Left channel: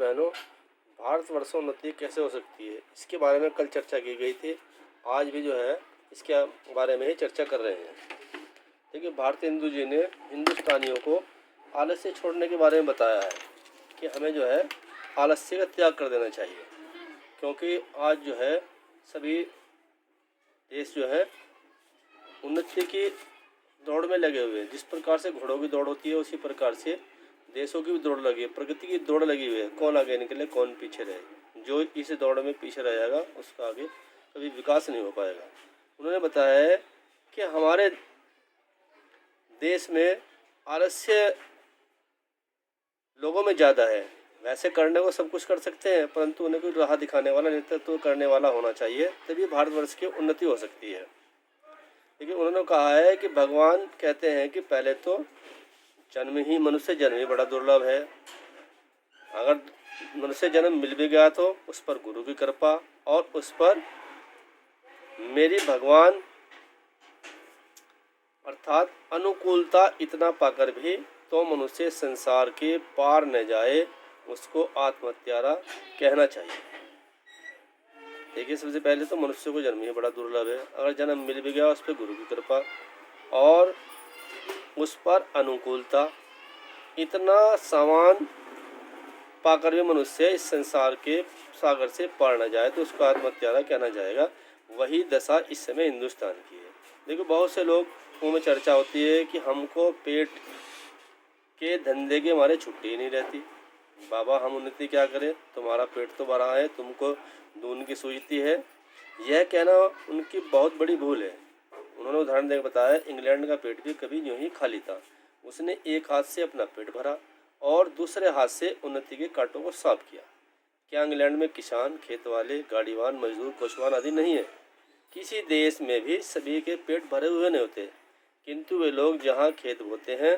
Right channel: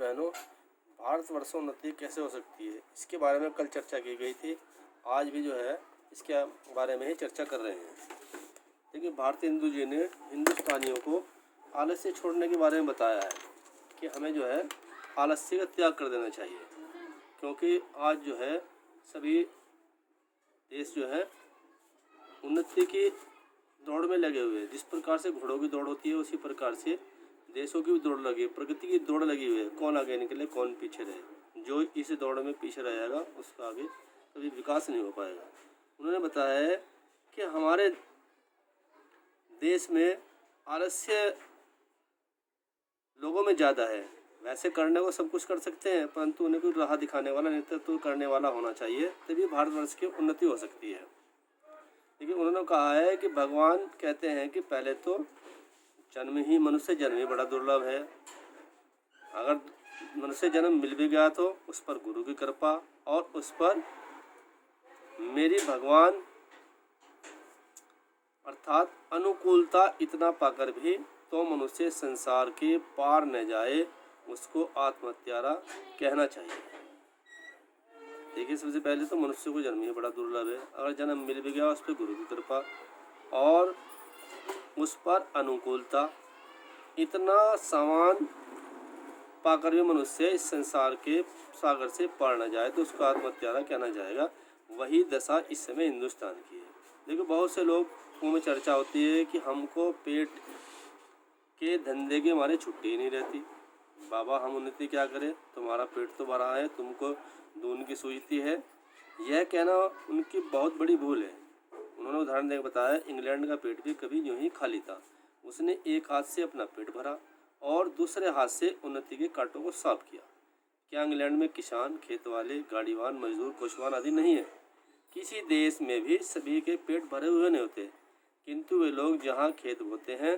बहनों, भारतवर्ष में उन्नति कैसे हो सकती है, इसके बारे में कल चर्चा की गई थी। आज भी जो है इसके बारे में ही चर्चा कर रहे हैं। देखिए, भारतीय हिंदू जी ने हिंदुस्तानियों को आलस्य छोड़ने के बारे में बताया है कि हमें जो है आलस्य का त्याग कर देना चाहिए, क्योंकि आज जो है सभी देश जो है उन्नति की दौड़ में लगे हुए हैं। जिस प्रकार से घोड़ों की दौड़ होती है, उसी प्रकार से देशों की भी दौड़ लगी है, प्रगति की दौड़ लगी हुई है। कौन आगे निकले, कौन पीछे रहे। जो इस दौड़ में पीछे रहेगा उसका आगे कभी विकास नहीं हो पाएगा। उन्होंने बताया है कि हमारे देश में आलस्य लोगों में ज़्यादा है। वैसे करने को सब कुछ कर सकते हैं, परंतु उन्हें कोई राह दिखाने वाला, नेतृत्व करने वाला होना चाहिए, तभी भारतवर्ष की उन्नति हो सकती है। देखिए, उन्होंने कहा है कि भगवान कहते हैं कि पहले तो मनुष्य जन्म ही बड़ा दुर्लभ है। अगर मनुष्य जन्म मिल भी गया तो उस पर गुरु की कृपा और उस पर मेरी भगवान अर्थात अनुकूलता इतना पाकर भी तो मनुष्य संसार के पार न जाए, उसको आत्महत्यारा कहना चाहिए। देखिए, सबसे पहले तो मनुष्य को जन्म ही बड़ा दुर्लभ है। अगर जन्म मिल भी गया, उस पर गुरु की कृपा और उस पर अनुकूलता इतना सामान पाकर भी मनुष्य इस संसार के सागर से पार न जाए तो उसको आत्महत्यारा कहना जाएगा। वही दशा इस समय हिंदुस्तान की है। देखिए, बहुत से लोगों में चर्चा होती है कि हमको पेट के धंधे के मारे छुट्टी ही नहीं रहती। बाबा, हम उन्नति क्या करें, तुम्हारा पेट तो भरा है, तुमको दून की सूझती है। यह कहना उनकी बहुत बड़ी भूल है। उन्होंने उदाहरण देकर बताया, इंग्लैंड का पेट भी कभी यूं ही खाली था। उसने एक हाथ से अपना पेट भरा और दूसरे हाथ से उन्नति के कांटों को साफ किया। क्या इंग्लैंड में किसान, खेत वाले, गाड़ीवान, मजदूर, कोचवान आदि नहीं है? किसी देश में भी सभी के पेट भरे हुए नहीं होते, किंतु वे लोग जहाँ खेत बोते हैं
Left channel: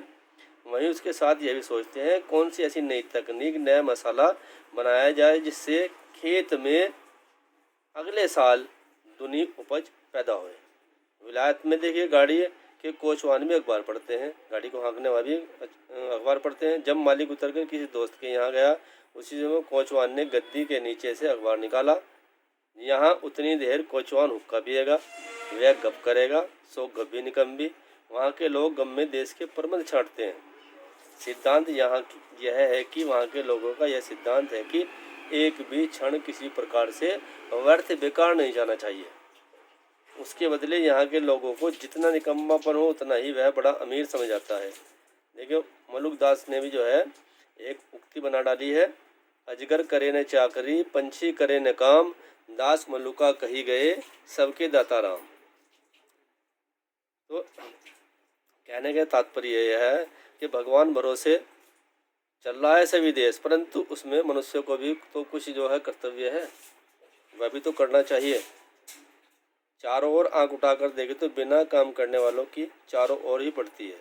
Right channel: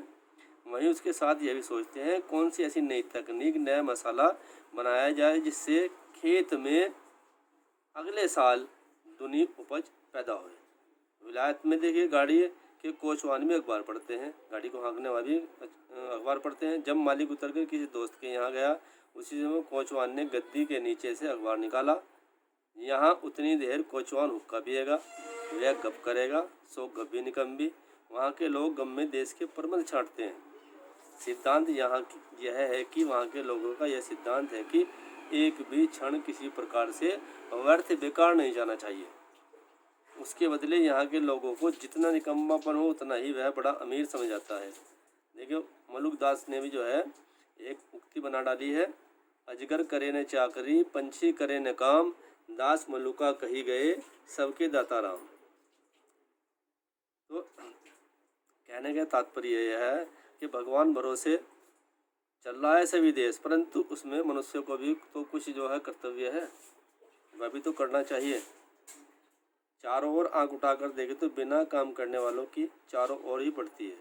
वहीं उसके साथ यह भी सोचते हैं कौन सी ऐसी नई तकनीक, नया मसाला बनाया जाए जिससे खेत में अगले साल दुनी उपज पैदा हो। विलायत में देखिए, गाड़ी के कोचवान भी अखबार पढ़ते हैं, गाड़ी को हाँकने वाले अखबार पढ़ते हैं। जब मालिक उतरकर किसी दोस्त के यहाँ गया, उसी समय कोचवान ने गद्दी के नीचे से अखबार निकाला। यहाँ उतनी देर कोचवान हुक्का पिएगा, वह गप करेगा, सो गप्पी निकम्बी। वहाँ के लोग गम में देश के प्रबंध छांटते हैं। सिद्धांत यहाँ यह है कि वहाँ के लोगों का यह सिद्धांत है कि एक भी क्षण किसी प्रकार से व्यर्थ बेकार नहीं जाना चाहिए। उसके बदले यहाँ के लोगों को जितना निकम्मापन हो उतना ही वह बड़ा अमीर समझ जाता है। देखिए, मलुकदास ने भी जो है एक उक्ति बना डाली है, अजगर करे न चाकरी, पंछी करे न काम, दास मलुका कही गए, सबके दाता राम। तो कहने का तात्पर्य यह है कि भगवान भरोसे चल रहा है सभी देश, परंतु उसमें मनुष्य को भी तो कुछ जो है कर्तव्य है, वह भी तो करना चाहिए। चारों ओर आंख उठाकर देखे तो बिना काम करने वालों की चारों ओर ही पड़ती है।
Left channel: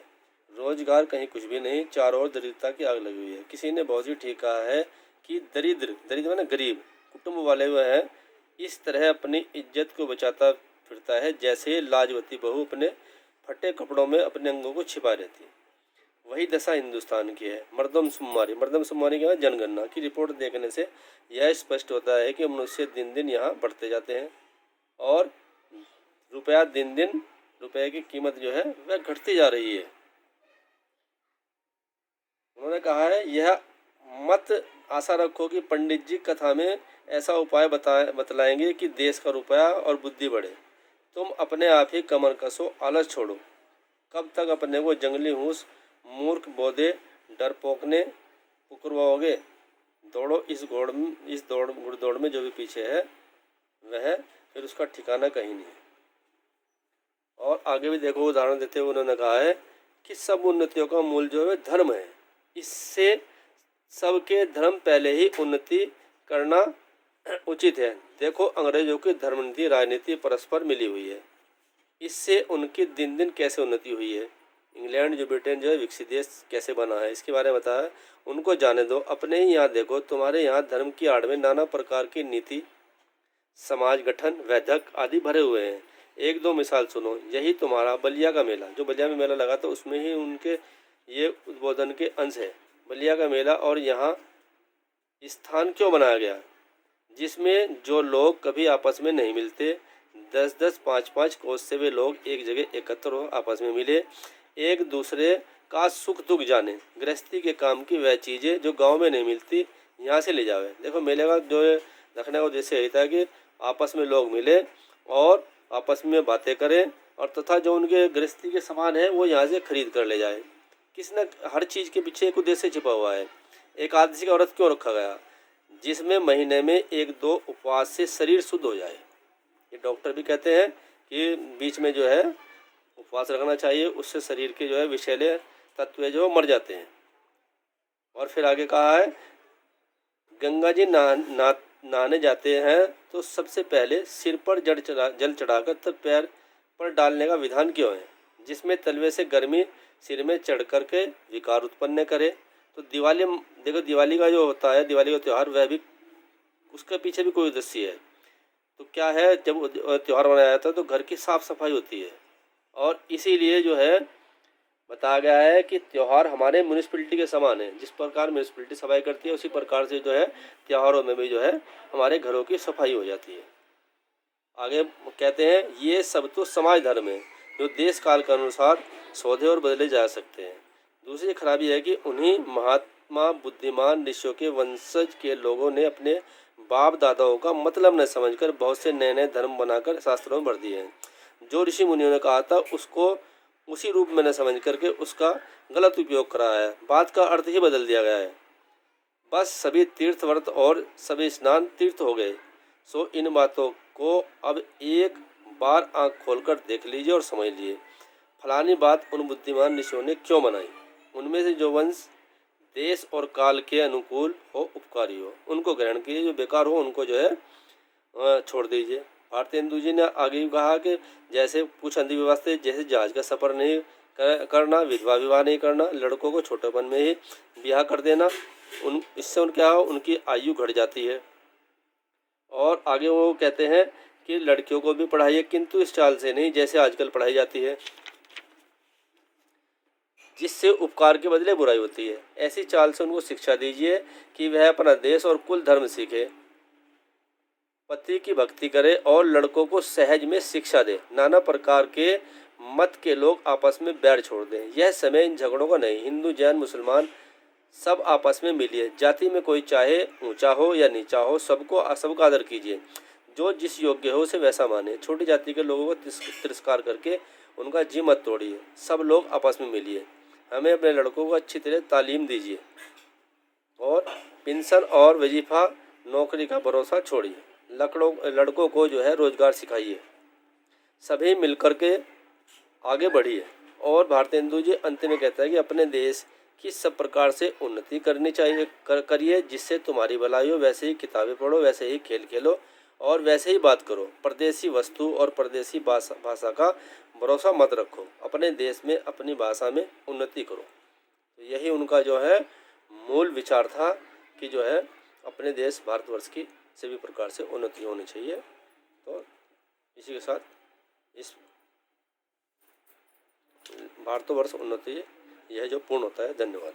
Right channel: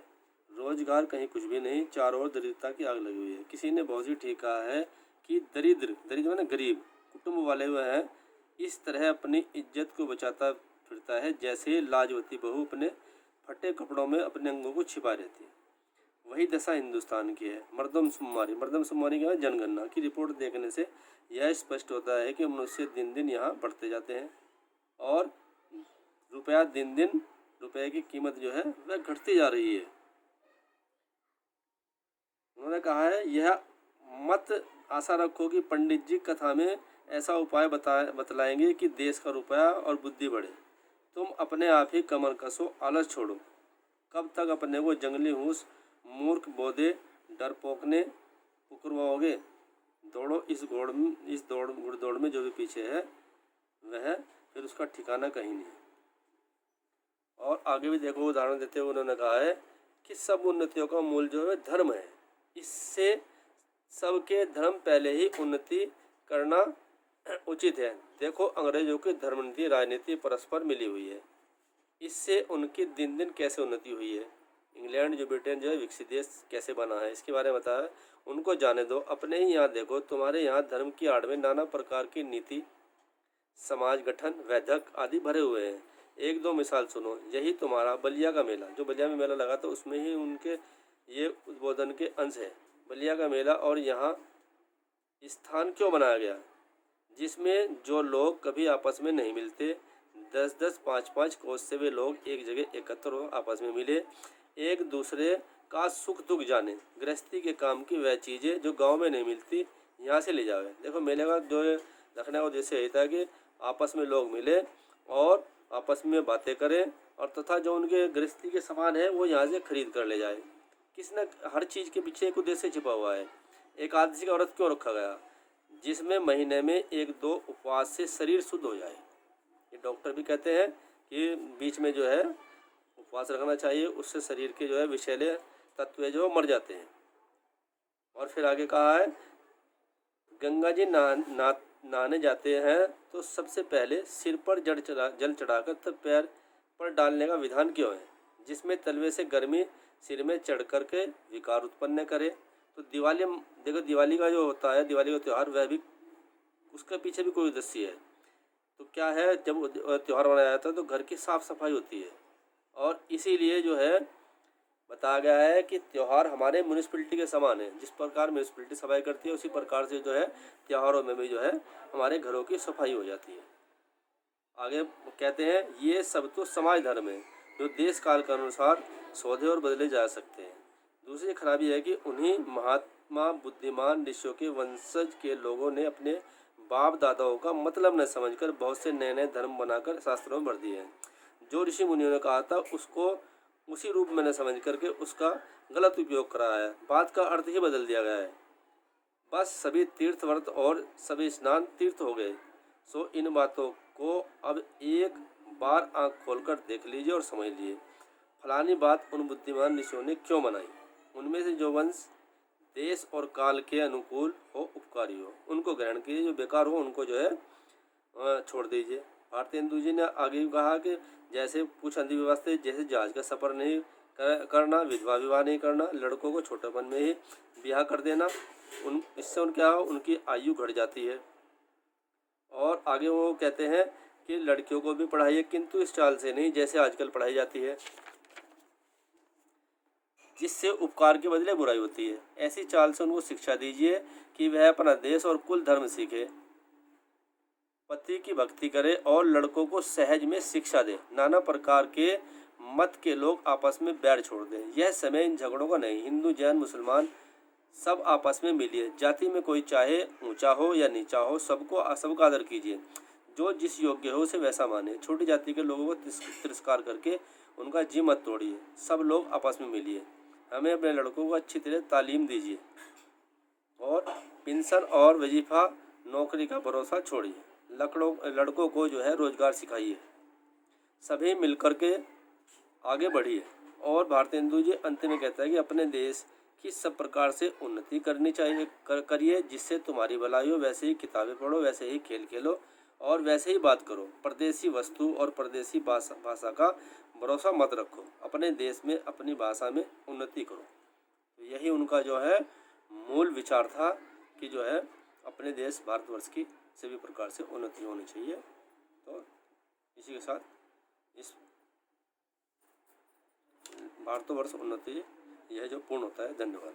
रोजगार कहीं कुछ भी नहीं, चारों ओर दरिद्रता की आग लगी हुई है। किसी ने बहुत ही ठीक कहा है कि दरिद्र माने गरीब कुटुंब वाले हुए हैं, इस तरह अपनी इज्जत को बचाता फिरता है जैसे लाजवती बहू अपने फटे कपड़ों में अपने अंगों को छिपा रहती है। वही दशा हिंदुस्तान की है। मर्दमशुमारी का जनगणना की रिपोर्ट देखने से यह स्पष्ट होता है कि मनुष्य दिन दिन यहाँ बढ़ते जाते हैं और रुपये की कीमत जो है वह घटती जा रही है। उन्होंने कहा है, यह मत आशा रखो कि पंडित जी कथा में ऐसा उपाय बतलाएंगे कि देश का रुपया और बुद्धि बढ़े। तुम अपने आप ही कमर कसो, आलस छोड़ो। कब तक अपने को जंगली हूस, मूर्ख, बोधे, डरपोकने पुकरवाओगे? दौड़ो इस दौड़ में जो भी पीछे है वह फिर उसका ठिकाना कहीं नहीं। और आगे भी देखो, उदाहरण देते हुए उन्होंने कहा है कि सब उन्नतियों का मूल जो है धर्म है। इससे सबके धर्म पहले ही उन्नति करना उचित है। देखो, अंग्रेजों की धर्मनीति राजनीति परस्पर मिली हुई है, इससे उनकी दिन दिन कैसे उन्नति हुई है। इंग्लैंड जो ब्रिटेन जो है विकसित देश कैसे बना है, इसके बारे में बताया। उनको जाने दो, अपने ही यहाँ देखो, तुम्हारे यहाँ धर्म की आड़ में नाना प्रकार की नीति, समाज गठन, वैधक आदि भरे हुए हैं। एक दो मिसाल सुनो, यही तुम्हारा बलिया का मेला, जो बलिया में मेला लगा था उसमें ही उनके ये उद्बोधन के अंश है। बलिया का मेला और यहाँ स्थान क्यों बनाया गया, जिसमें जो लोग कभी आपस में नहीं मिलते, 10-10, 5-5 कोस से वे लोग एक जगह एकत्र हो, आपस में मिले, एक दूसरे का सुख दुख जाने, गृहस्थी के काम की वह चीज़ें जो गांव में नहीं मिलती यहाँ से ले जावे। देखो मेले का जो रखने का उद्देश्य यही था कि आपस में लोग मिले और आपस में बातें करें और तथा जो उनके गृहस्थी के सामान है वो यहाँ से खरीद कर ले जाए। किसी न हर चीज़ के पीछे एक उद्देश्य छिपा हुआ है। एकादशी का व्रत क्यों रखा गया, जिसमें महीने में 1-2 उपवास से शरीर शुद्ध हो जाए। ये डॉक्टर भी कहते हैं कि बीच में जो है उपवास रखना चाहिए, उससे शरीर के जो है विषैले तत्व जो मर जाते हैं। और फिर आगे कहा है गंगा जी नहाने जाते हैं तो सबसे पहले सिर पर जल चढ़ाकर तब पैर पर डालने का विधान क्यों है, जिसमें तलवे से गर्मी सिर में चढ़ कर के विकार उत्पन्न करे। तो दिवाली, देखो दिवाली का जो होता है, दिवाली का त्यौहार, वह भी उसके पीछे भी कोई उद्देश्य है। तो क्या है, जब त्यौहार मनाया जाता है तो घर की साफ सफाई होती है और इसीलिए जो है बताया गया है कि त्यौहार हमारे म्यूनिसिपैलिटी के समान है। जिस प्रकार म्यूनिसिपैलिटी सफाई करती है उसी प्रकार से जो है त्योहारों में भी जो है हमारे घरों की सफाई हो जाती है। आगे कहते हैं ये सब तो समाज धर्म है जो देश काल के अनुसार सौदे और बदले जा सकते हैं। दूसरी खराबी है कि उन्हीं महात्मा बुद्धिमान ऋषियों के वंशज के लोगों ने अपने बाप दादाओं का मतलब न समझकर बहुत से नए नए धर्म बनाकर शास्त्रों में भर दिए हैं। जो ऋषि मुनियों ने कहा था उसको उसी रूप में न समझ करके उसका गलत उपयोग करा है, बात का अर्थ ही बदल दिया गया है। बस सभी तीर्थ व्रत और सभी स्नान तीर्थ हो गए। सो इन बातों को अब एक बार आंख खोलकर देख लीजिए और समझ लीजिए। फलानी बात उन बुद्धिमान ऋषियों ने क्यों बनाई, उनमें से जो वंश देश और काल के अनुकूल हो, उपकारी हो, उनको ग्रहण कीजिए, जो बेकार हो उनको जो है छोड़ दीजिए। भारतेंदु जी ने आगे कहा कि जैसे कुछ अंधी व्यवस्था, जैसे जहाज का सफ़र नहीं करना, विधवा विवाह नहीं करना, लड़कों को छोटेपन में ही ब्याह कर देना, इससे क्या हो, उनकी आयु घट जाती है। और आगे वो कहते हैं कि लड़कियों को भी पढ़ाइए, किंतु इस चाल से नहीं जैसे आजकल पढ़ाई जाती है, जिससे उपकार के बदले बुराई होती है। ऐसी चाल से उनको शिक्षा दीजिए कि वह अपना देश और कुल धर्म सीखे, पति की भक्ति करे और लड़कों को सहज में शिक्षा दे। नाना प्रकार के मत के लोग आपस में बैर छोड़ दें। यह समय इन झगड़ों का नहीं, हिंदू जैन मुसलमान सब आपस में मिलिए। जाति में कोई चाहे ऊंचा हो या नीचा हो, सबका आदर कीजिए। जो जिस योग्य हो उसे वैसा माने। छोटी जाति के लोगों को तिरस्कार करके उनका जी मत तोड़िए। सब लोग आपस में मिलिए। हमें अपने लड़कों को अच्छी तरह तालीम दीजिए और पेंशन और वजीफा नौकरी का भरोसा छोड़िए। लड़कों को जो है रोजगार सिखाइए। सभी मिलकर के आगे बढ़िए। और भारतेंदु जी अंत में कहता है कि अपने देश की सब प्रकार से उन्नति करनी चाहिए, करिए, जिससे तुम्हारी भलाई हो। वैसे ही किताबें पढ़ो, वैसे ही खेल खेलो और वैसे ही बात करो। परदेसी वस्तु और परदेसी भाषा का भरोसा मत रखो। अपने देश में अपनी भाषा में उन्नति करो। तो यही उनका जो है मूल विचार था कि जो है अपने देश भारतवर्ष की सभी प्रकार से उन्नति होनी चाहिए। तो इसी के साथ इस भारतवर्ष उन्नति यह जो पूर्ण होता है। धन्यवाद।